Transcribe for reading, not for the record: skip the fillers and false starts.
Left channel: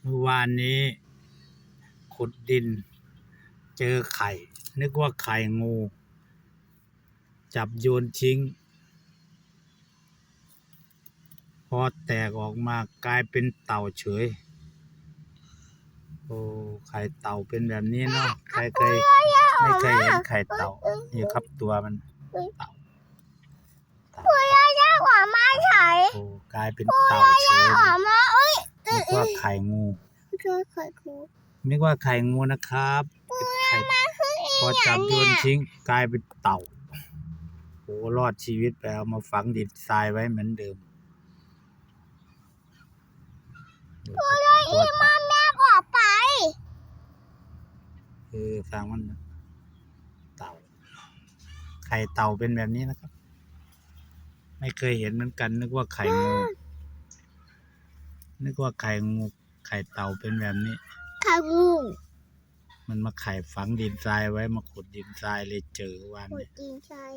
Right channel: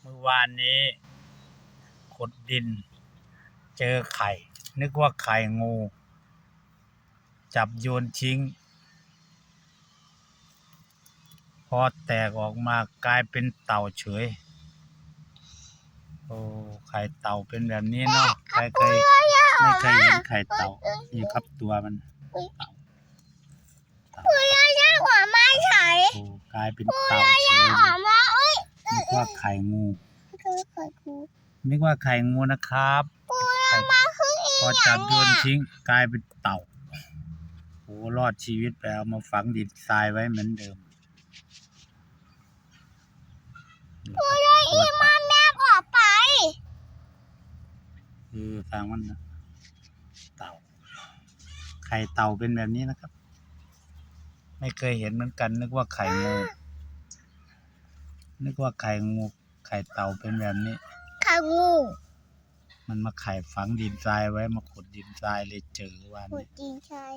เมื่อวานนี้ขุดดินเจอไข่ นึกว่าไข่งู จับโยนทิ้ง พอแตกออกมากลายเป็นเต่าเฉย โอ้ไข่เต่าเป็นแบบนี้เนาะใครไม่เคยเห็นไข่เต่านี่ครับตัวมันเต่าโอ้กลายเป็นเต่าเฉยนึกว่าไข่งูนึกว่าไข่งูนะครับพอจับโยนทิ้งกลายเป็นเต่าโอ้รอดชีวิตไปเอามาฝังดินทรายไว้เหมือนเดิมทางมันเต่าไข่เต่าเป็นแบบนี้นะครับไม่เคยเห็นเหมือนกันนึกว่าไข่งูไข่เต่าเป็นแบบนี้ไข่งูมันมาไข่ฝังดินทรายไว้มาขุดดินทรายเลยเจอวัน ขุดดินทราย